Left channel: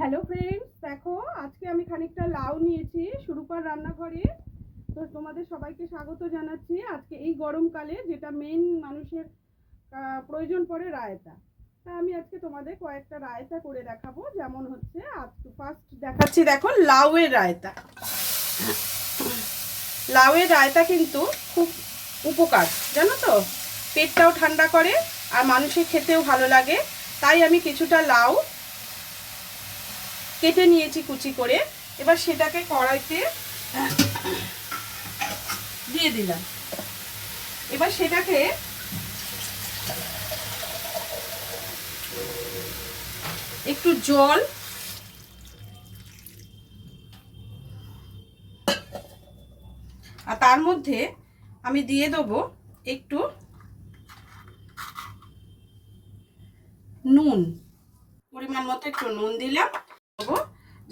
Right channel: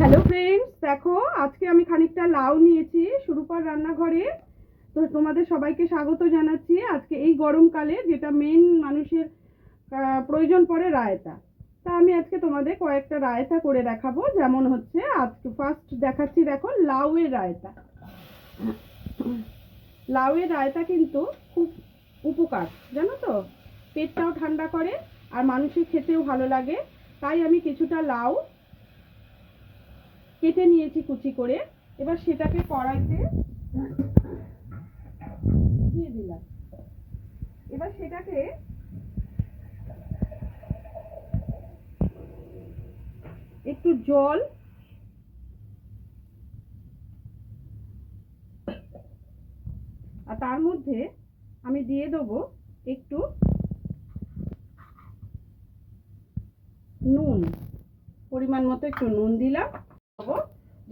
Hello friends, দেখো আজকে আমি খানিকটা লাউ নিয়েছি সুরূপার রান্নাঘরে। তো তোমাদের সবাইকে স্বাগত জানাচ্ছি। আজকে এই গরমকালে যেটা মেন মানুষের প্রয়োজন পড়ে রায়তা। তা আমি আজকে তোমাদের কয়েকটা রায়তা করে দেখাবো। যেমন হচ্ছে আজকে ফার্স্ট দেখাচ্ছি, দেখো লাউয়ের রায়তা। লাউয়ের রায়তা কিন্তু খুব উপকার, জানো তো, পেটটাও ঠান্ডা করে আর মানুষের খেতেও ভালো লাগে। তাই আমি কিছুটা লাউ কেটে নিয়েছি কুচি করে। এবার সেটাকে কড়াইতে দিয়ে দিলাম। এবার সেটাকে একটু জল আর তার মধ্যে আমি দিয়ে দেবো একটু নুন, পরিমাণ মতো একটু নুন দিলাম।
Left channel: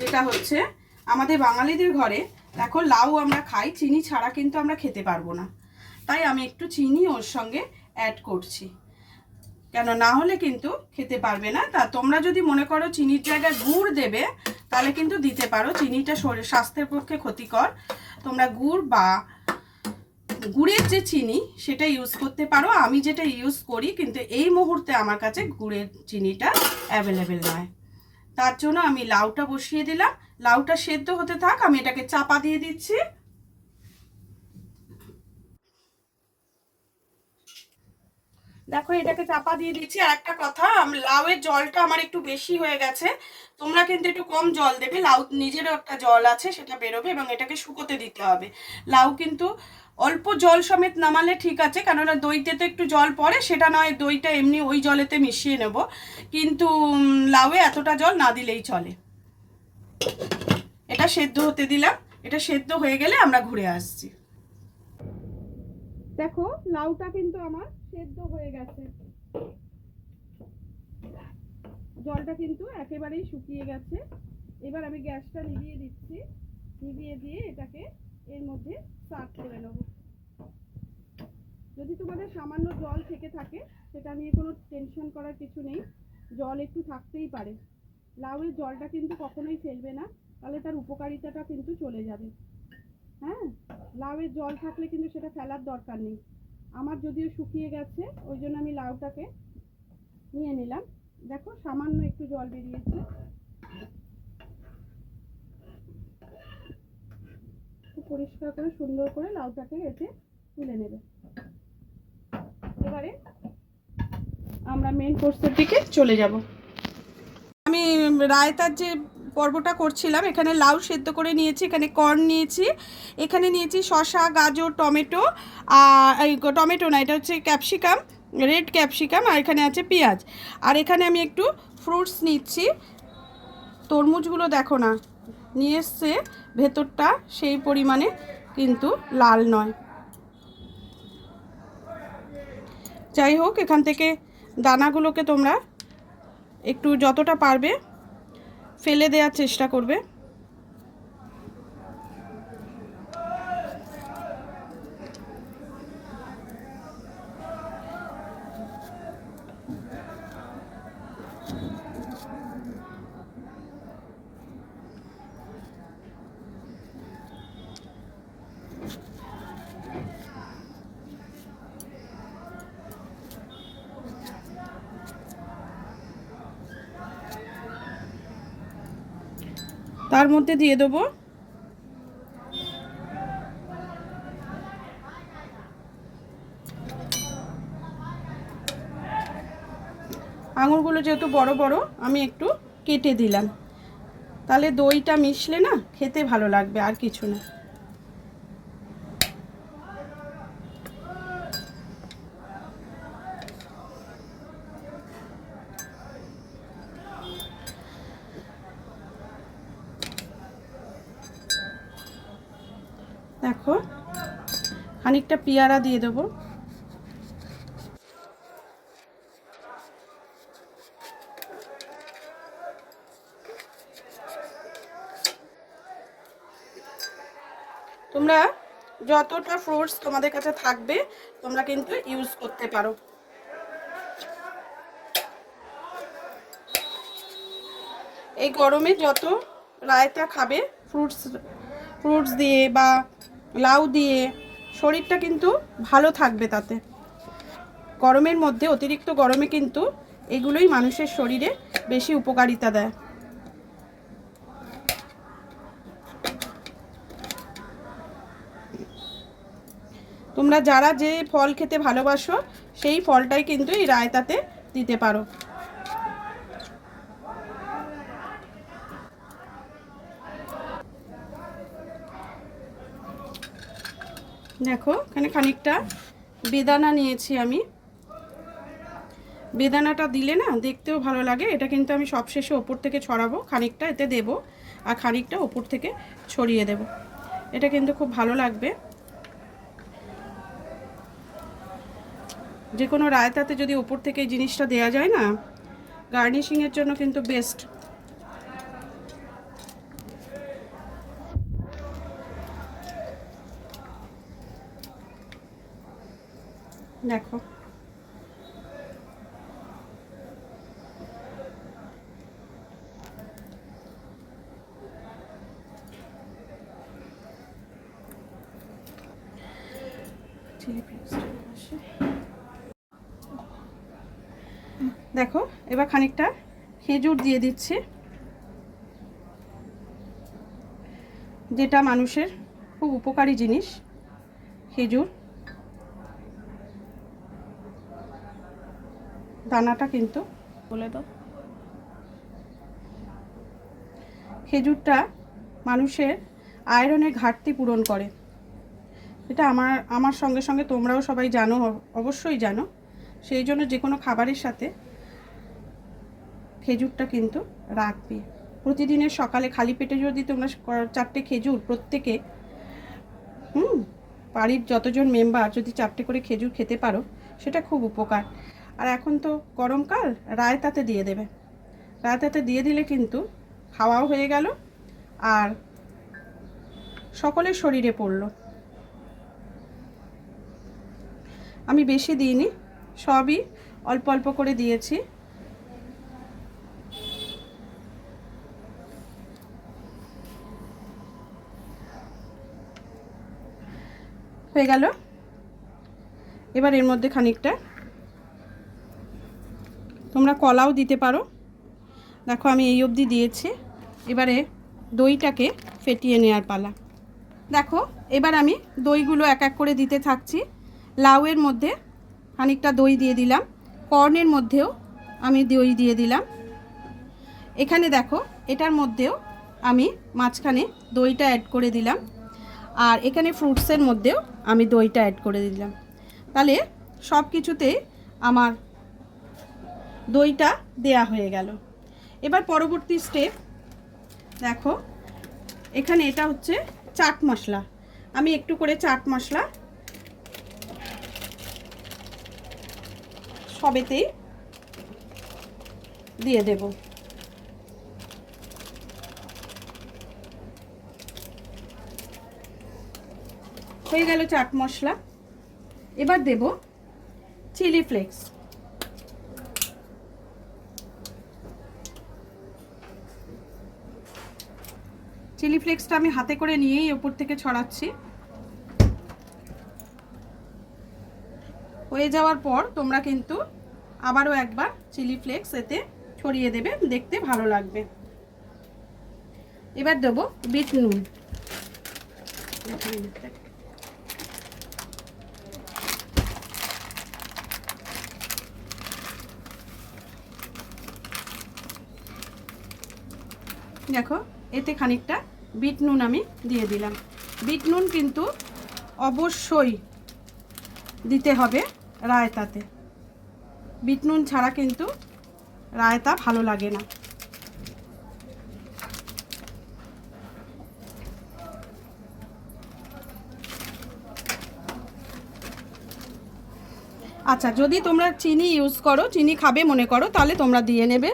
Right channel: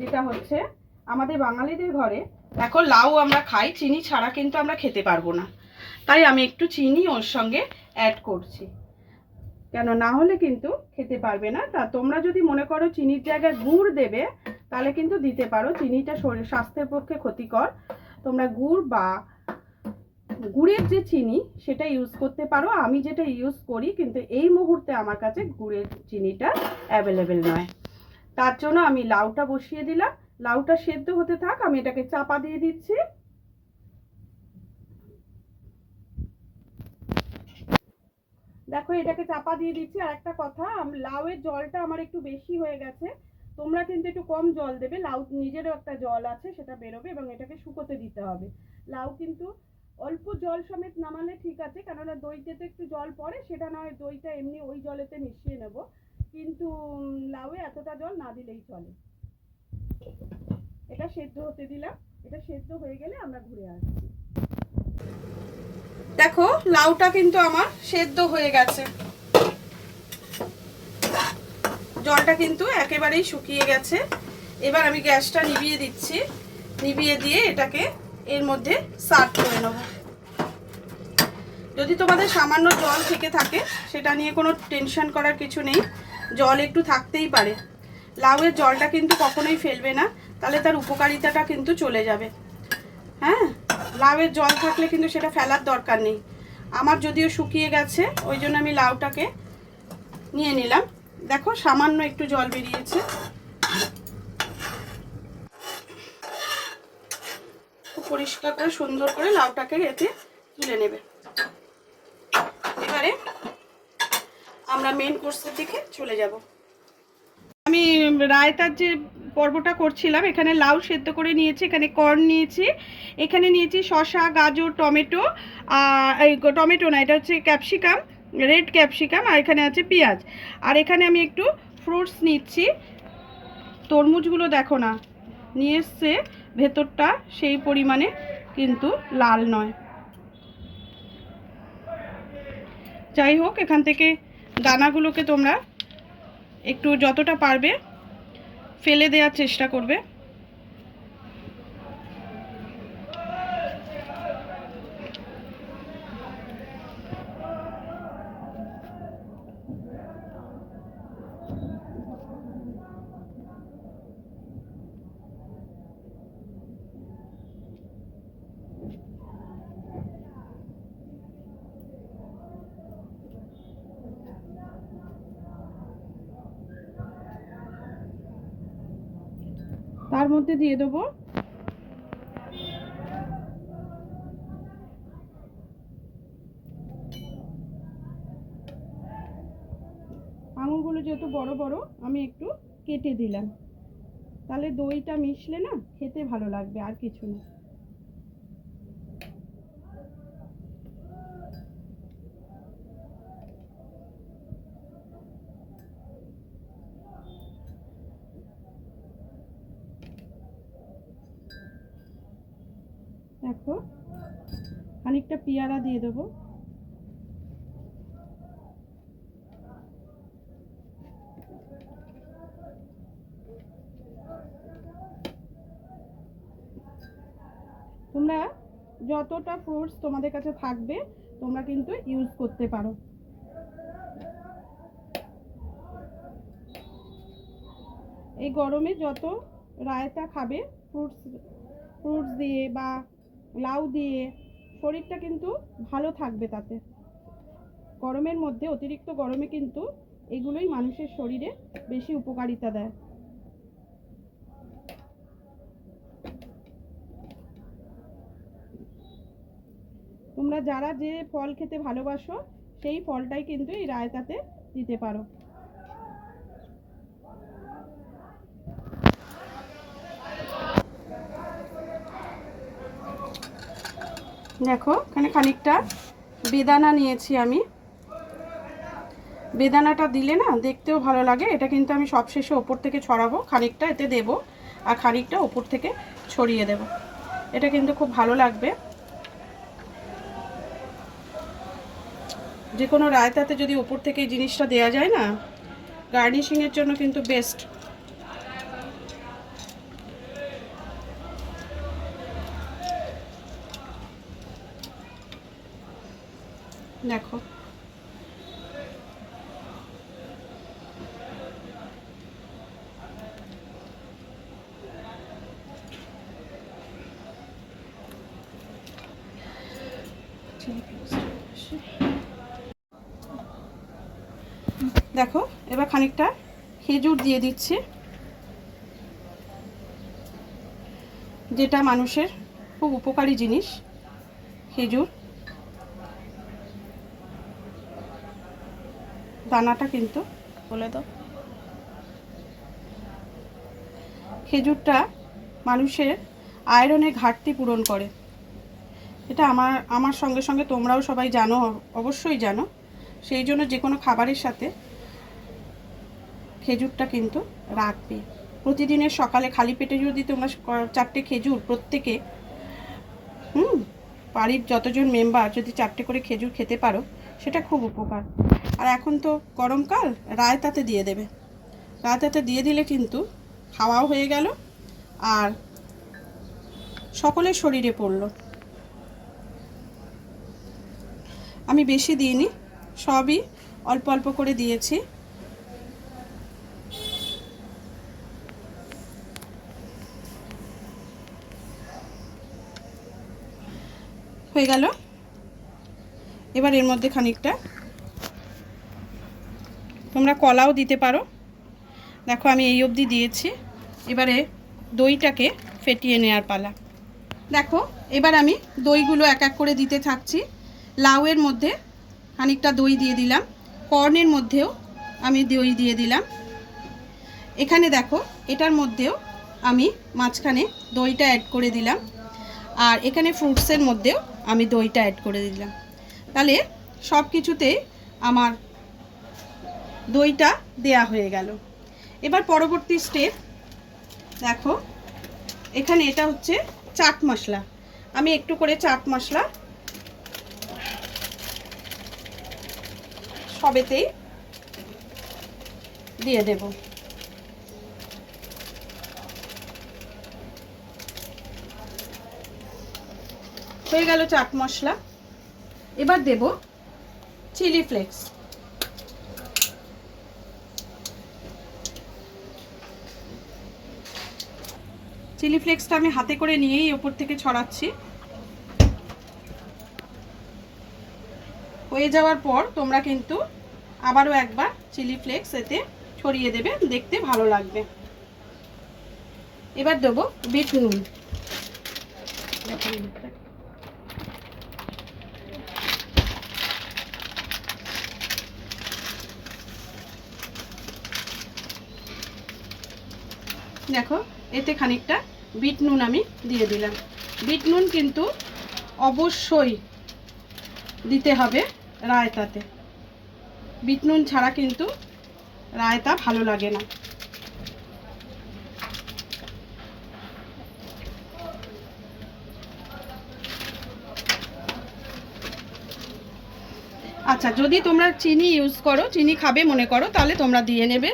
যেটা হচ্ছে আমাদের বাঙালিদের ঘরে, দেখো লাউ আমরা খাই, চিনি ছাড়া কিন্তু আমরা খেতে পারবো না। তাই আমি একটু চিনি ওর সঙ্গে অ্যাড করছি, কেন না হলে কিন্তু খেতে পারবে না। তা তোমরা যদি মনে করো চিনির জায়গায় গুড় দেবে তাহলে কিন্তু দিতে পারো। চিনিটা শরীর স্বাস্থ্যের পক্ষে ক্ষতিকর। তোমরা গুড় বা গুড়ের যে চিনি সেটা ইউজ করতে পারো। আমি যেটা ইউজ করি, কিন্তু এই মুহূর্তে আমার কাছে গুড়ের চিনিটা অ্যাভেলেবেল নয়। তার জন্য আমি লাউটা বসিয়ে দিলাম। লাউটা সেদ্ধ হতে থাক, আমি এটাকে চাপা দিয়ে দিচ্ছি। দেখো এটাকে চাপা দিয়ে দিচ্ছি। আর একটা কথা, লাউয়ের জলটা আমার একটু বেশি হয়ে গেছে, তোমরা কিন্তু একটু কম জল দেবে। লাউ নিজেরও একটা জল আছে, সেটা বেরোবে এবং এটাকে শুকোতে দিতে হবে। লাউ কিন্তু অল্প জল সমেত নামালে ঠিক আছে, কেননা দইতে তো একটু জল পড়ে, সেটা নয় দইটা এমনি ওই জলেতে মিশিয়ে নেব, কিন্তু লাউয়ে এতটা জল না দিলেই চলে। এটা সেদ্ধ হতে দিলাম। এটা সেদ্ধ হয়ে গেলে আমরা ঘুরে আসছি। দেখো লাউটা কিন্তু আমার সেদ্ধ হয়ে গেছে, জলটা কিন্তু একেবারেই শুকিয়ে গেছে। এবার আমি গ্যাসটা নিভিয়ে দিচ্ছি। নিভিয়ে দিয়ে এটাকে এর মধ্যে সার্ভ করে নেব। যদি তোমাদের সামান্য জল থেকে থাকে সেটা নিয়ে কোনো টেনশন করার কিছু নেই, জল একটু থাকতেই পারে। লাউয়ের জলটা কিন্তু কখনোই ফেলবে না, তাহলে তার উপকারিতাটা কিন্তু চলে যাবে। হ্যাঁ, লাউয়ের জল থাকলে কিন্তু সেটা ফেলার দরকার নেই। আমার যদিও শুকিয়ে গেছে, ওই জন্য আমি লাউটাকে নিয়ে নিলাম। দেখো সামান্য একটু জল বেরিয়েছে। খুব পরিষ্কার করে সুন্দর করে লাউটাকে এতে তুলে নেবে। এবারে আমরা মেন কোর্সের দিকে চলে যাব। আমি রায়তার যে পর্বটা করছিলাম, এখানে লাউ সেদ্ধ করে নিয়েছি, এখানে কর্ন নিয়েছি, এখানে নিয়েছি শসা, গাজর, টমেটো, আর এই টমেটো না, এটা হচ্ছে ক্যাপসিকাম, রেড ক্যাপসিকাম, আর এখানে আছে পেঁয়াজ। আর এখানে আমি একটু ফ্রুটস নিচ্ছি। তরমুজগুলো দেখো না, নিয়ে এসছে, ভেতরটা সেই পরিমাণে কিন্তু লাল নয়। যাই হোক, এখান থেকে দানাগুলোকে তোমরা একটু যতটা পারবে ফেলে দেওয়ার চেষ্টা করবে। তার মধ্যে দিয়ে দেবো আঙুরগুলো, যেহেতু বড় বড় আমি একটু কেটে দিলাম, তাহলে দইটা মিশলে না খেতে ভালো লাগবে, আর কিছু না। দেখো খানিকটা পেয়ারা দিয়ে দেবো। তোমরা যতটা ফ্রুটস তোমাদের কাছে থাকবে তোমরা কিন্তু ইউজ করতে পারো। এই গরমে যত রায়তা খাবে ফ্রুটস দিয়ে বা লাউ দিয়ে, শরীরটা কিন্তু ভালো থাকবে তাতে। গরমের মধ্যে, অতিরিক্ত গরমে কিন্তু এগুলোই মানুষের শরীরে বেশি উপকারিতা দেয়। তোমরা যারা যে ফল খেতে ভালোবাসো সেই ফলটাই কিন্তু এই রায়তাতে দিতে পারো। দেখো এখানে খানিকটা বেদানা নিয়েছি আমি। বেদানাটা দিলে না দেখতেও ভালো লাগে। এটা কিন্তু আমি সবশেষে ওপর থেকে ছড়াবো, খানিকটা এতে দেব আর খানিকটা ওপর থেকে ছড়িয়ে দেব। এটা কিন্তু খুব ভালো লাগবে। যে কোনো রায়তাতে যদি উপর থেকে এই জিনিসটা দেওয়া যায় না, গার্নিশিংয়ের জন্য কিন্তু বেস্ট। দেখো দেখো এবার খানিকটা খেজুর দিয়ে দিচ্ছি, যেটা মানুষের খুব উপকারী জিনিস খেজুর। দানাটা কিন্তু বলে দাও। খেজুরটা মানুষের আয়রনের ঘাটতি পূরণ করে। এটা আমার সঙ্গে সঙ্গে তোমরাও সবাই জানো, অবশ্যই জানো। সেই জন্য যে কোনো খাবারের সাথে খেজুরটা কিন্তু রাখবে। প্রতিদিনের সকালে খালি পেটে যদি তোমরা 4টে খেজুর প্রত্যেকে, বাড়ির যতজন মেম্বার যদি 4টে করে খেজুর খেতে পারো, সেটা খুব উপকার। আর এখন তো গরমকাল, রায়তাতে দিয়ে দেবে। রায়তাতে দিয়ে দিলে কিন্তু খাওয়াও হয়ে গেল আর সকলের শরীরে পড়লো। আমি বেশি দিইনি, সবই অল্প অল্প করে দিয়েছি। হয়ে গেল। এবার এর মধ্যে খানিকটা তোমরা কলাও দিতে পারো। দেখো আমি এই অবধি দিয়েছি। এবারে দইটাকে ফেটিয়ে নেওয়ার পালা। দেখো এবার আমি দইগুলো এক এক করে দিতে থাকছি। লাউয়ের মধ্যে খানিকটা দই দিয়ে দিলাম, কর্নের মধ্যেও আমি দই দিয়ে দিলাম। এখানে দেখো এটার মধ্যেও আমি মাঝখানে দইটা অ্যাড করে দিলাম, আর এখানে ফ্রুটসের মধ্যেও আমি দইটা অ্যাড করে দিলাম। তাহলে সব কিছুতে আমার দইটা দেয়া হয়ে গেল। এবার পরবর্তী স্টেপ দেখো, এখানে এটা হচ্ছে চাট মশলা। আমি একটু করে চাট মশলা সবেতেই দিয়ে দেব। হয়ে গেল চাট মশলা। এবার দেব চিলি ফ্লেক্স। চিলি ফ্লেক্সটা আমি হাতে করে নিয়েই উপর থেকে ছড়াচ্ছি। হয়ে যাওয়ার পর তোমরা কিন্তু আবারও একবার চিলি ফ্লেক্স এতে ছড়িয়ে দেবে, দেখতে ভালো লাগবে। এবার দেবো বিট নুন। দেখো এতে খানিকটা বিট নুন আমি দিয়ে দিলাম। বিট নুন কিন্তু অবশ্যই দিতে হবে রায়তাতে। বিট নুন ছাড়া কিন্তু রায়তা ভালো লাগে না। আচ্ছা, যদি তোমরা চিনি ইউজ করো, চিনি খাবে মনে করো, তাহলে তোমরা দিয়ে নেবে।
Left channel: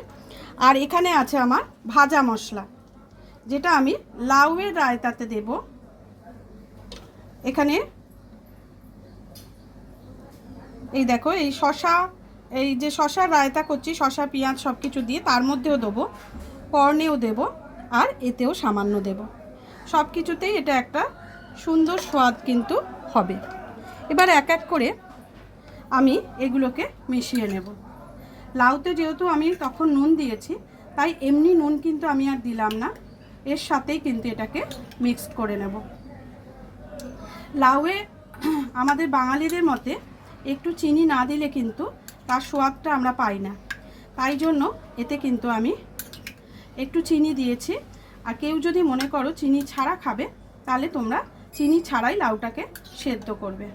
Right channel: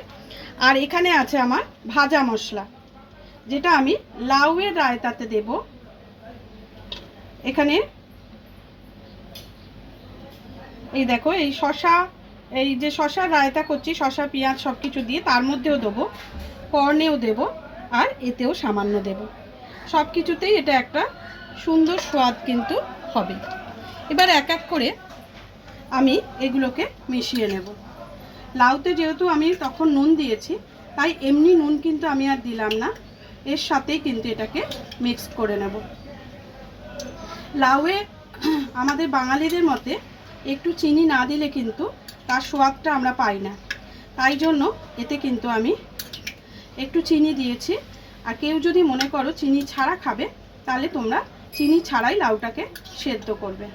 আর এখানে আছে আমার ভাজা মশলা, যেটা আমি লাউয়ের রায়তাতে দেব। এখানে এই দেখো এই শসা, এই যে শসার রায়তা করছি, শসা পেঁয়াজ সব কিছু দিয়ে তার মধ্যেও দেবো কর্নেও দেব আর এতেও সামান্য দেব, সব কিছুতেই এটা একটা সুন্দর স্বাদ কিন্তু হবে। এবার এক এক করে আমি এগুলোকে মিশিয়ে নেব। লাউতে যেহেতু আমি তখন নুন দিয়েছি, তাই এমনি নুন কিন্তু আমি আর দিলাম না, এর সাথেই কিন্তু এটাকে মিক্স করে নেব। লাউয়ে আমাদের বাঙালিদের মতে একটু চিনি না দিলে কিন্তু তার স্বাদটা আমরা পাই না, তাই জন্য এতে কিন্তু আমি একটু চিনি দিয়েছি। আর কেউ যদি মনে করো চিনি ছাড়া খাবে, তাহলে তোমরা চিনি ছাড়াই লাউটাকে সেদ্ধ করবে।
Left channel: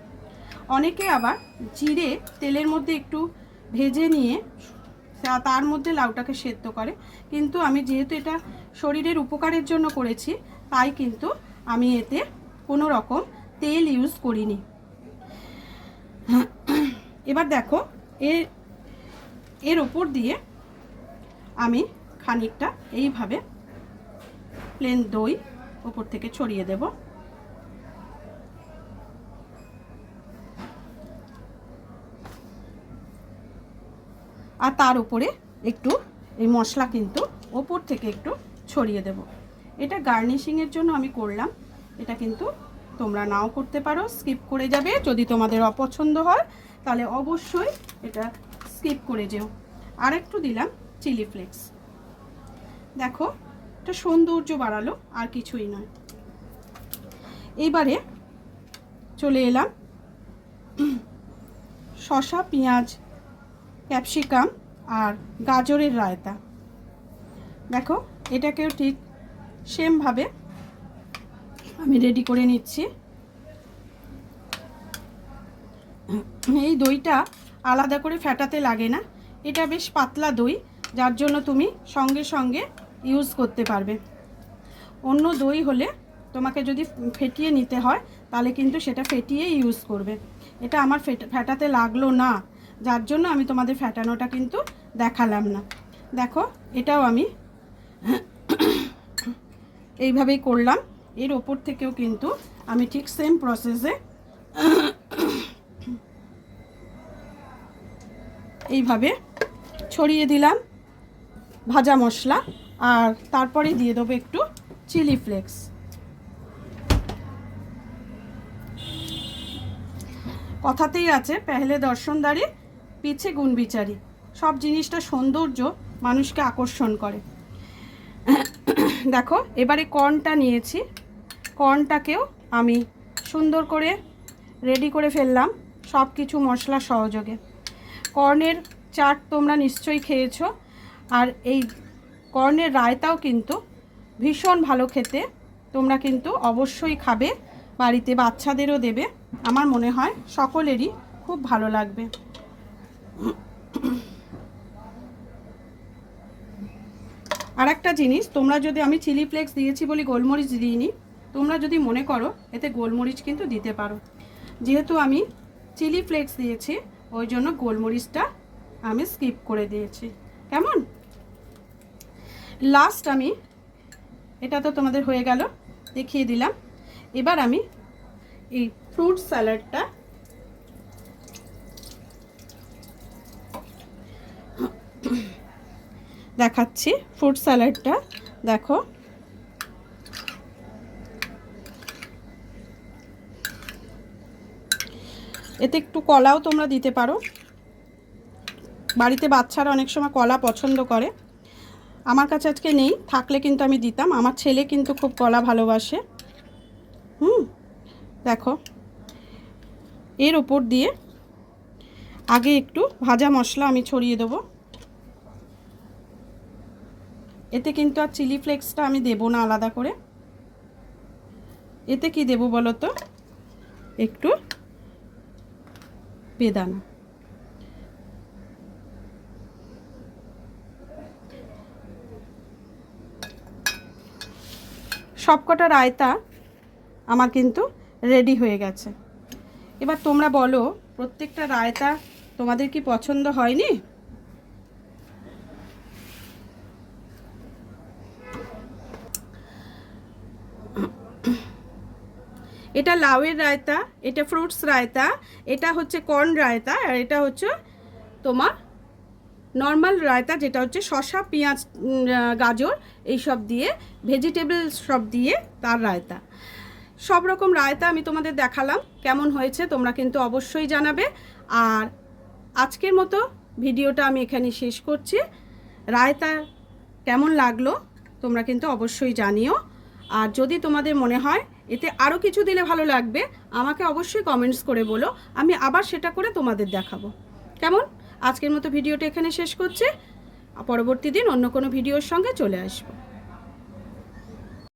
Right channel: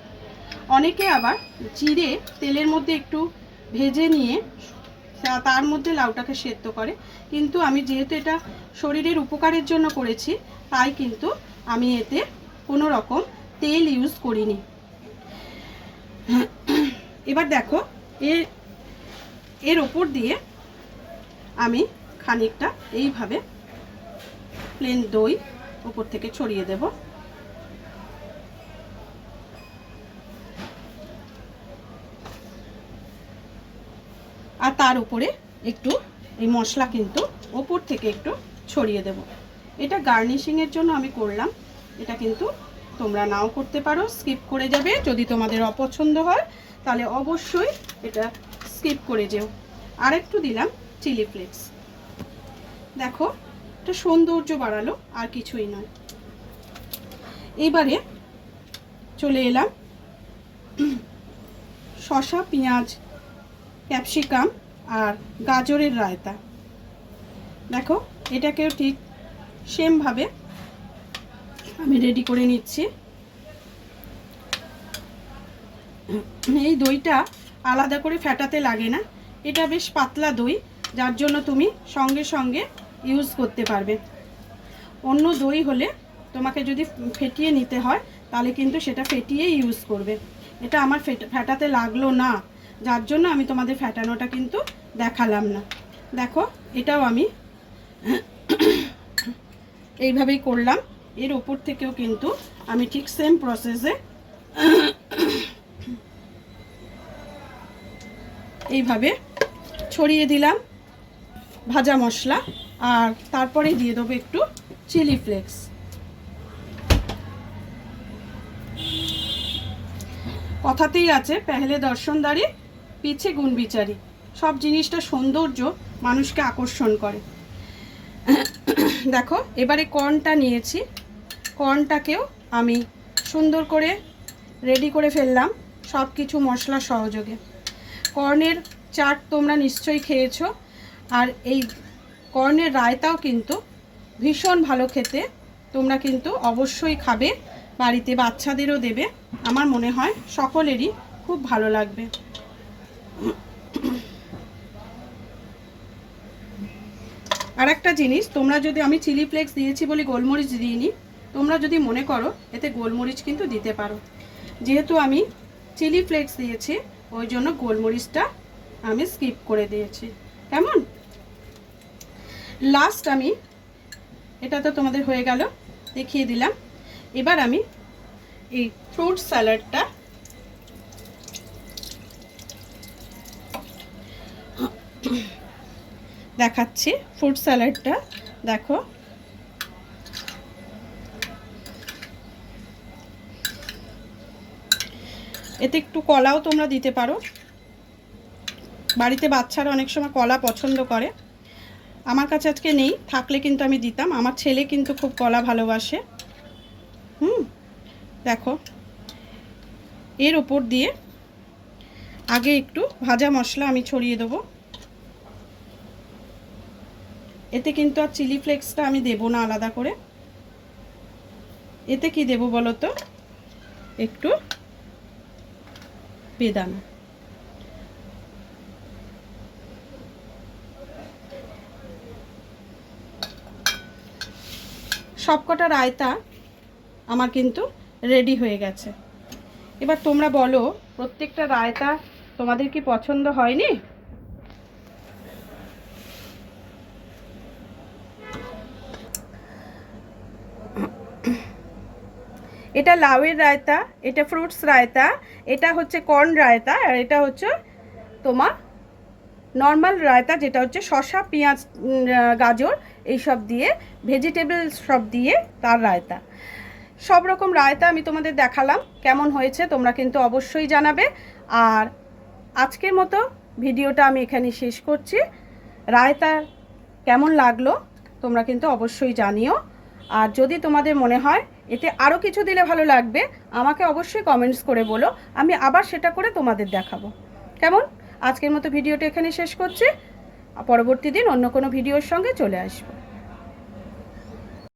অনেকে আবার জিরে তেলের মধ্যে একটু ভেজে নিয়ে তার মধ্যে লাউটাকে সেদ্ধ করে, কিন্তু আমি যেহেতু এটা শরীরের উপকারের জন্য করেছি, তাই কিন্তু আমি এতে কোনো রকম তেল ইউজ করিনি। এবার দেখো এর ওপর দিয়ে আমি খানিকটা এইভাবে প্লেন দই ওপর থেকে ছড়িয়ে দেব। আর তার উপরে একটু এই মশলা কিন্তু ওপর থেকে একটু ছড়িয়ে দেব। এটা গার্নিশিংয়ের জন্য আমি করলাম, এটা কিন্তু তোমরা নাও করতে পারো, স্কিপ করে যাবে। যদি তোমাদের অপছন্দ হয় তাহলে অবশ্যই এটা স্কিপ করে যেও। আর একটু দিলাম চিলি ফ্লেক্স, দেখো এটা সৌন্দর্য বাড়ালো, আর কিছুই নয়। এইবারে চলে এলাম শসা, পেঁয়াজ, ক্যাপসিকাম আর গাজরের রায়তা। দেখো এটাকেও ঠিক সেমভাবে আমি রেডি করে নিচ্ছি। এই দইটা আলাদা করে ফেটাতে লাগে না, এটা বেশ পাতলা দই, যার জন্য তুমি সঙ্গে সঙ্গে ইউজ করতে পারবে। অন্য দই হলে তোমাকে যদি ফেটিয়ে নিতে হয়, তাহলে কিন্তু সেটা ফেটিয়ে ইউজ করবে। এটা আমার ফেটাতে লাগলো না, যার জন্য আমি তোমাদের ফেটানোটা কিন্তু দেখালাম না। দেখো এটাও আমি এইভাবেই করলাম। এর ওপর থেকেও কিন্তু আমি ঠিক সেম প্রসেসে এইভাবে ছড়িয়ে দিলাম ভাজা মশলা, আর তারপরে দিয়ে দেবো একটু চিলি ফ্লেক্স। কথাতেই আছে, পেহলে দর্শনদারি পিছে গুণ বিচারি। সব জিনিসটা সৌন্দর্য মানুষকে আকর্ষণ করে। দেখো এবারে কর্নটা নিয়েছি, কর্নটাকেও আমি সুন্দর করে রেডি করে ফেললাম সব কিছু মশলা সহযোগে। কর্নের চাট তোমরা নিশ্চয়ই খেয়েছো, আর এই কর্নের রায়তাও কিন্তু ভীষণ ভালো খেতে, তোমরা কিন্তু অবশ্যই খাবে, বাড়িতে বাচ্চাদেরও দেবে। আমার মনে হয় সকলেরই খুব ভালো লাগবে। আর একটা জিনিস, তোমরা যদি, আমি চিলি ফ্লেক্স দিয়েছি বলে গোলমরিচ দিইনি, তোমরা যদি মনে করো এতে গোলমরিচ কিন্তু দিতে পারো। যেহেতু আমি চিলি ফ্লেক্স দিয়েছি, ওই জন্য গোলমরিচটা আমি স্কিপ করে দিয়েছি। কেমন? লাস্ট আমি এটা তো তোমাদের হয়ে গেল, দেখিয়ে দিলাম। এবার আমি এই ফ্রুট স্যালাডটা দেখাচ্ছি। ফ্রুট স্যালাডটা দেখো, এতে একটু কলাও তোমরা দিতে পারো, বাড়িতে বাচ্চারা অনেক সময় কলা পছন্দ করে। আমার কাছে আজকে নেই, থাকলে কিন্তু আমি দিতাম। আমার ছেলে কিন্তু খুব কলা ভালোবাসে। দেখো এর ওপর দিয়ে আগে একটু ভাজা মশলা আমি ছড়িয়ে দেবো। এতে কিন্তু আর চিলি ফ্লেক্সটা আমি দেবো না আলাদা করে। এতে কি দেবো বলো তো? একটু বেদানা। সবকটা রায়তা আমার কিন্তু রেডি হয়ে গেছে। এবার তোমরা বলো, প্রত্যেকটা রায়তা তোমাদের কি পছন্দ হয়নি? এটা লাউয়ের রায়তা, এটা ফ্রুটস রায়তা, এটা হচ্ছে কর্ন রায়তা, আর এটা হচ্ছে তোমার নর্মাল রায়তা, যেটা হচ্ছে শসা, পেঁয়াজ, গাজর এইসব দিয়ে, ভেজিটেবল সব দিয়ে তার রায়তা। সব রকম রায়তা আমি তোমাদের দেখালাম, কেমন হয়েছে তোমরা কিন্তু অবশ্যই জানাবে। আর আজকের মতো ভিডিওটা আমি এখানে শেষ করছি। রায়তা কেমন লাগলো তোমরা কিন্তু অবশ্যই জানিও। আর যদি তোমাদের মনে হয় এতে আরও কিছু দিলে ভালো লাগবে, আমাকে অবশ্যই কমেন্টস করে বলো, আমি আবার সেটা করে তোমাদের দেখাবো। কেমন? আজকের মতো ভিডিওটা এখানে শেষ করছি, পরবর্তী দিন অন্য কোনো ভিডিওর সঙ্গে চলে আসবো।